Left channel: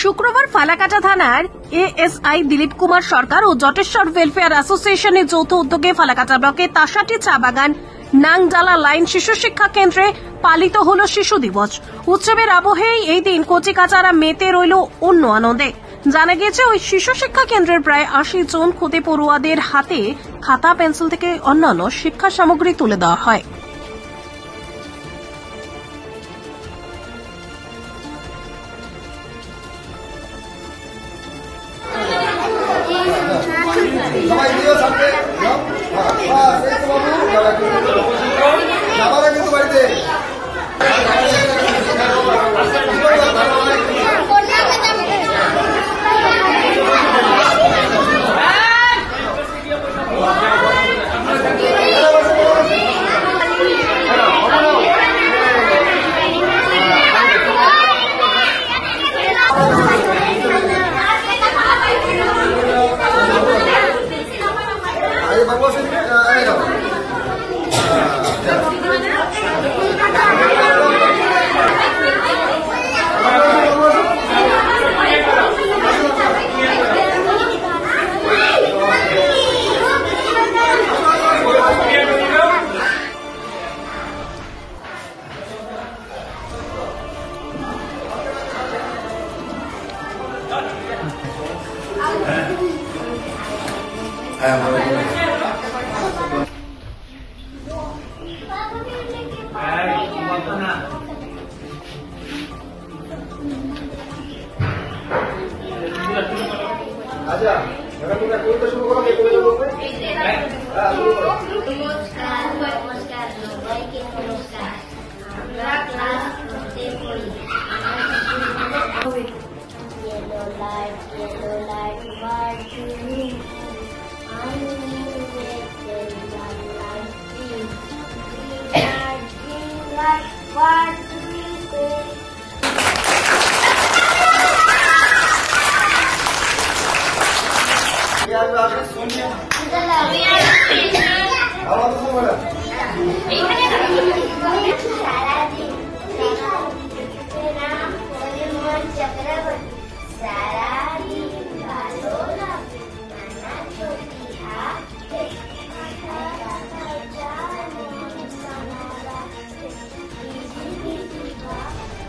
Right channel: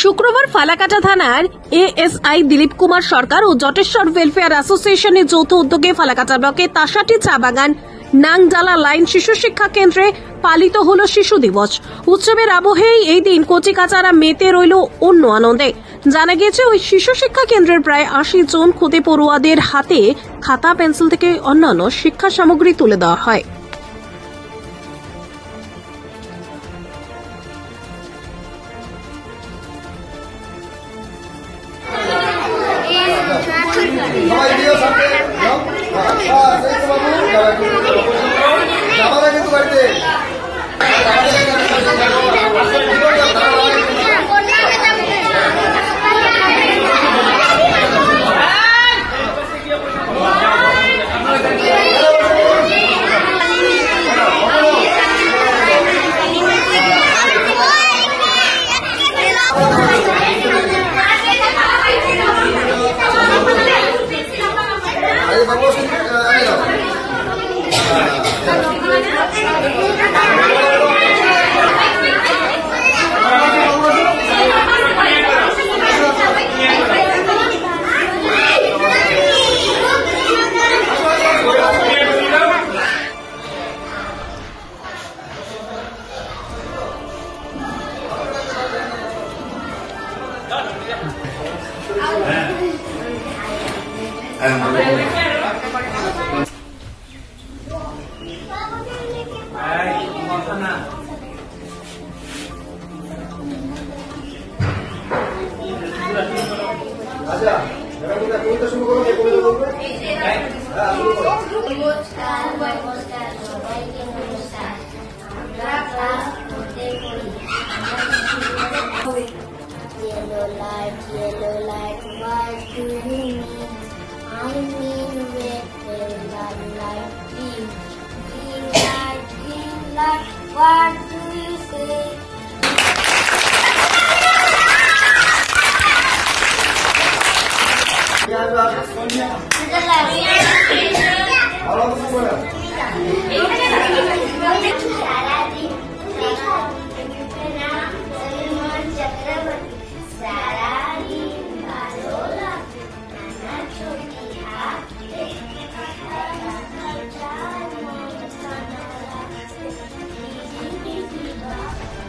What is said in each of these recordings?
শুক্রবার ফালাকাটা থানার এএসআই দিলীপ কুমার সরকার ও জটেশ্বর ওয়েলফেয়ার অ্যাসোসিয়েশনের যৌথ উদ্যোগে ফালাকাটা ব্লকের তাসাটি চা বাগান নাংজালা লাইন শিশু শিক্ষা কেন্দ্রে পালিত হল শিশু দিবস। উৎসবের আবহেই এই দিন কচিকাচারা মেতে রইল অন্য আনন্দে। জানা গিয়েছে ওই শিশু শিক্ষা কেন্দ্রের প্রায় ৮০ জন ক্ষতি পড়ুয়াদের হাতে খাতা পেন্সিল থেকে অন্যান্য শিক্ষা সামগ্রী তুলে দেওয়া হয়।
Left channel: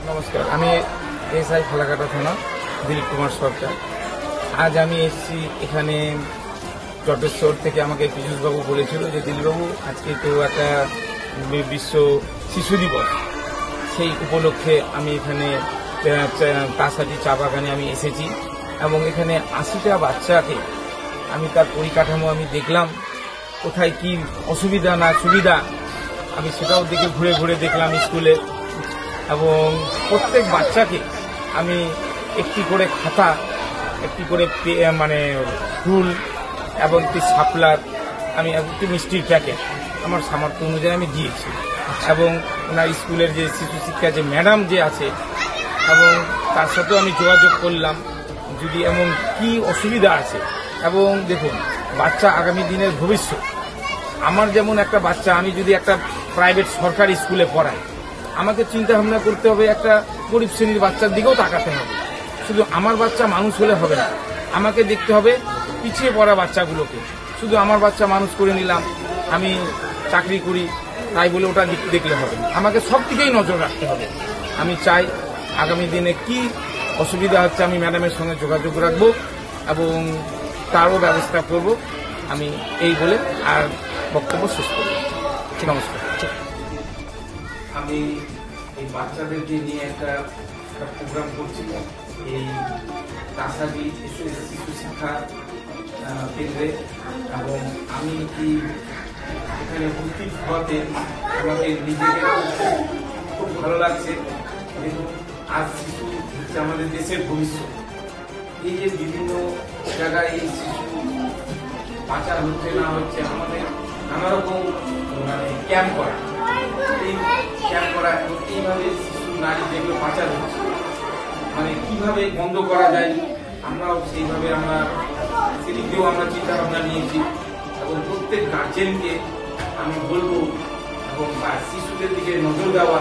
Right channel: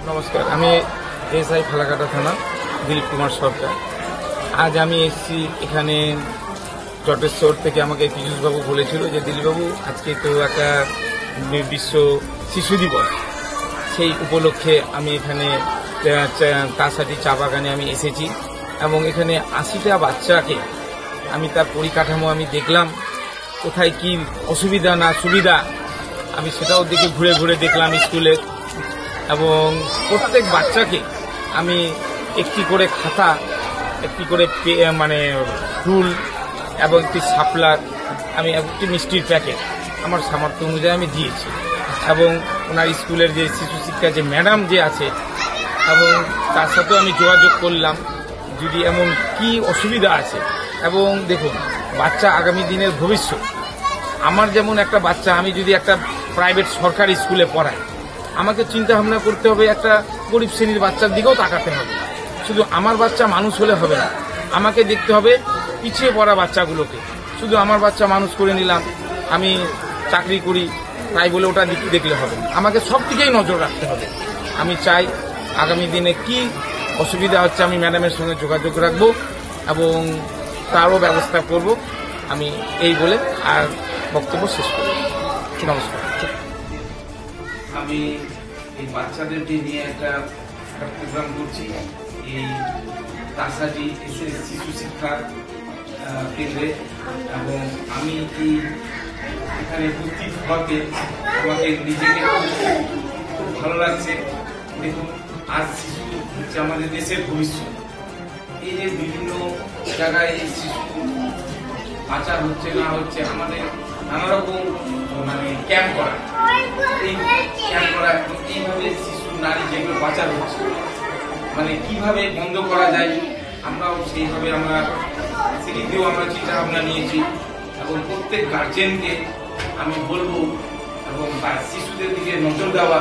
নমস্কার, আমি এসআই ফালাকাটা থানা দিলীপ কুমার সরকার। আজ আমি এসেছি এখানে জটেশ্বর থেকে। আমাকে পীযূষবাবু বলেছিল যে দিলীপবাবু আজকে তো একটা বিশ্ব শিশু দিবস, সেই উপলক্ষে আমি এখানে তাসাটি চা বাগানে আমি এসেছি এবং এখানে ৮০টা বাচ্চাকে আমি তার পরিকাঠামো আমি দেখলাম, কোথায় কি অসুবিধা না সুবিধা আমি সেটাও দেখে ঘুরে ঘুরে দেখলাম স্কুলে। এবং প্রত্যেক বাচ্চাকে আমি একটি করে খাতা, একটি করে মানে রুল এবং একটি সাপলার, আমি একটি মিষ্টির প্যাকেট আমার সামর্থ্য অনুযায়ী আমি দিয়েছি। এবং ওনার স্কুলের যে শিশু শিক্ষা যে ম্যাডাম যে আছে এবং তার সাথেও আমি যোগাযোগ করলাম যদি এমন কি অসুবিধা আছে। এবং দেখুন, বাচ্চা আগামী দিনের ভবিষ্যৎ। আমার যেমন একটা বাচ্চা, আমি যদি একটা প্রাইভেট সরকারি স্কুলে পড়াই, আমাকে চিন্তা ভাবনা করতে হবে, একটা গরিব শ্রেণীর বাচ্চার দিকেও তাকাতে হবে। শুধু আমার বাচ্চা মানুষ হলে হবে না, আমাকে দেখতে হবে পিছিয়ে পড়া বাচ্চাগুলোকে। শুধু আমার বাচ্চা মানুষ করে নিলাম, আমি চাকরি করি তাই বলে ওটা দেখলে হবে না, আমাকে সব দিকেই নজর রাখতে হবে। আমি চাই আগামী দিনে কি অসুবিধা হচ্ছে আমি ম্যাডামের সঙ্গে যোগাযোগ রাখবো এবং তারও ব্যবস্থা করব। আমি এই বলে আর বক্তব্য শেষ করব। নমস্কার। আমি এই বাচ্চাদেরকে নিয়ে একটা প্রোগ্রাম করছি এই তাসাটি শিশু শিক্ষা কেন্দ্রে, এবং আমি এই এখানে উপস্থিত হওয়াতে আমাকে নিজেকে খুব ভালো লাগছে। দেখুন, আজ শিশু হচ্ছে আমাদের দেশের ভবিষ্যৎ। এই যে বিভিন্ন জায়গায় এই শিশু পাচার হচ্ছে না হচ্ছে, আমাদের নানা রকম মানে ক্যাম্প করা, এই ক্যাম্প করা এইভাবে শিশু নারী যেগুলো পাচার হচ্ছে মানে কিভাবে বন্ধ করা যায় আমরাও সেইভাবে আমরা সেদিকেও আমরা চিন্তা ভাবনা নিয়েছি এবং প্রত্যেক গার্জেনকে আমি বলবো এবং শিশুদের দিকে নজর দেওয়া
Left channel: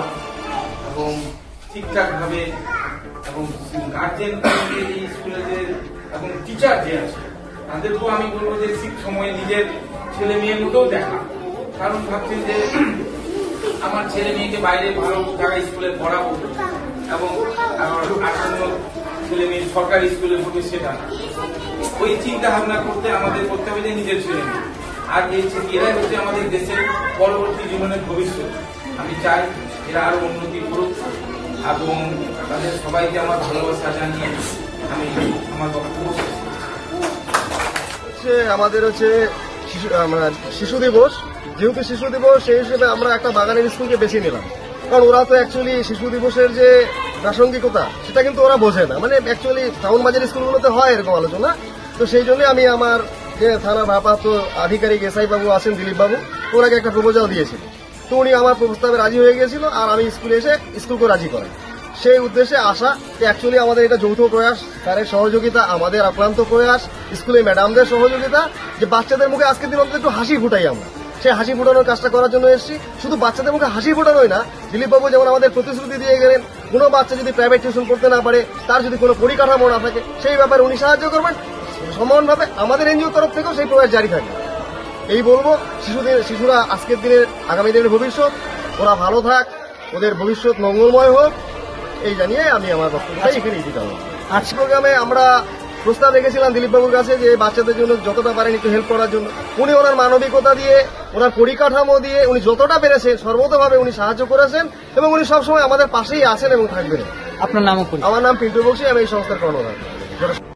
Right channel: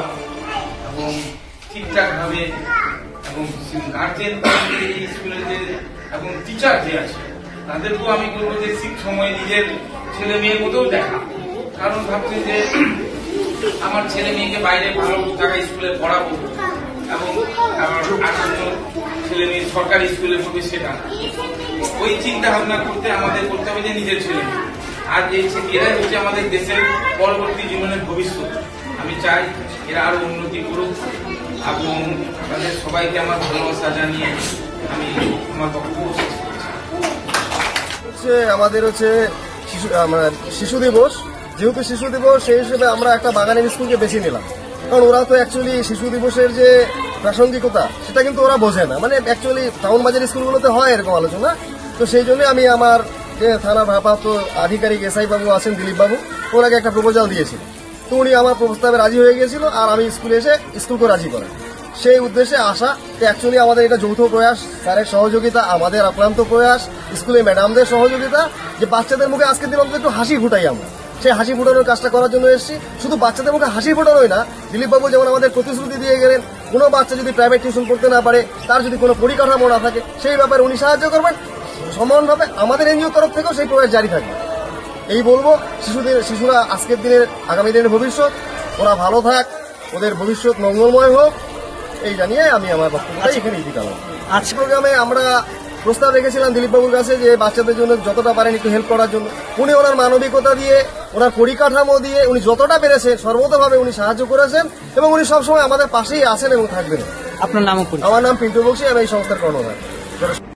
এবং ঠিকঠাকভাবে এবং গার্জেন স্কুলের যে এবং টিচার যে আছে তাদেরকেও আমি বলবো যে ঠিক সময়ে নিজের ছেলে মেয়ের মতোও দেখা, কারণ ভাবছি যে আমার ছেলে মেয়েকে বাইরে ভালো জায়গায় স্কুলে পড়াবো এবং আসন্ন ছেলে মেয়ে সরকারি স্কুলে পড়বে সেটা ওই চিন্তা ভাবনা করতে আমাদের করতে হবে যে নিজের ছেলে মেয়ে আর এরাই হচ্ছে আমাদের দেশের পরবর্তী জীবনের ভবিষ্যৎ। আমি চাই এরা আরো উন্নতি করুক এবং তাদের সবাইকে আমার ভালোবাসা জানিয়ে আমি আমার বক্তব্য শেষ করছি। আমাদের হচ্ছে শিশু দিবস, যেহেতু শিশু দিবস সেই হিসেবে আমরা একটা বাগানের স্কুলকে বেছে নিলাম, কারণ ওরা তো অ্যাকচুয়ালি শিশু দিবসের যে প্রাসঙ্গিকতা সেটা কিন্তু ওরা বোঝে না, মানে অ্যাকচুয়ালি টাউন বাজার স্কুলগুলোতে হয় এরকম আলোচনা। তো সেই জন্য আমি আমার যে থানার ভারপ্রাপ্ত আধিকারিক এসআই বাবু আছেন দিলীপ বাবু, ওনাকে একটা প্রপোজাল দিয়েছিল, তো উনি আমার প্রস্তাবে রাজি হয়ে গিয়েছিল আর আমি স্কুলে এসে স্কুলকে রাজি করাই। সেই উদ্দেশ্যে আসা অ্যাকচুয়ালি আমাদের এটা যৌথ প্রয়াস, স্যারের সহযোগিতা, আমাদের আক্রান্ত প্রয়াস, স্কুলে ম্যাডামদের সহযোগিতা, যে বাচ্চাদের মুখে আজকের দিন অন্তত একটু হাসি ফুটাই আমরা, সেই হাসি ফুটানোর কাজটা করার জন্য এসেছি। শুধু বাচ্চাদের মুখে হাসি ফুটানোই না, দিলীপবাবু যেমন আমাদের প্রতিশ্রুতি দিয়ে গেলেন কোনো বাচ্চা যদি প্রাইভেট টিউশন পড়তে না পারে, তার যদি কোনো পরিকাঠামো না থাকে, সেই ব্যাপারে উনি সাহায্য করবেন। সমানভাবে আমাদের এনজিও তরফ থেকেও সেই প্রয়াস জারি থাকবে। এই বলবো, শিশুরা আজকের দিনের আগামী দিনের ভবিষ্যৎ, ওরা ভালো থাক, ওদের ভবিষ্যৎ মঙ্গলময় হোক, এই জানিয়ে আমি আমার বক্তব্যটা এখানে ইতি করব। আজ প্রোগ্রামে আমরা প্রস্তাব রেখেছিলাম দিলীপবাবুর কাছে যে বাচ্চাদের জন্য যতটা পারেন একটু হেল্প করার জন্য। উনি ওনার মানবিকতা দিয়ে, ওনার পরিকাঠামো দিয়ে উনি যতটা পেরেছেন সর্বতভাবে উনি সাহায্য করেছেন এবং উনি সবসময় আমাদের পাশেই আছেন এবং থাকবেন। আপনার নামও আমার নাম পিন্টু বক্সি, আমি এই সংস্থার কর্ণধার।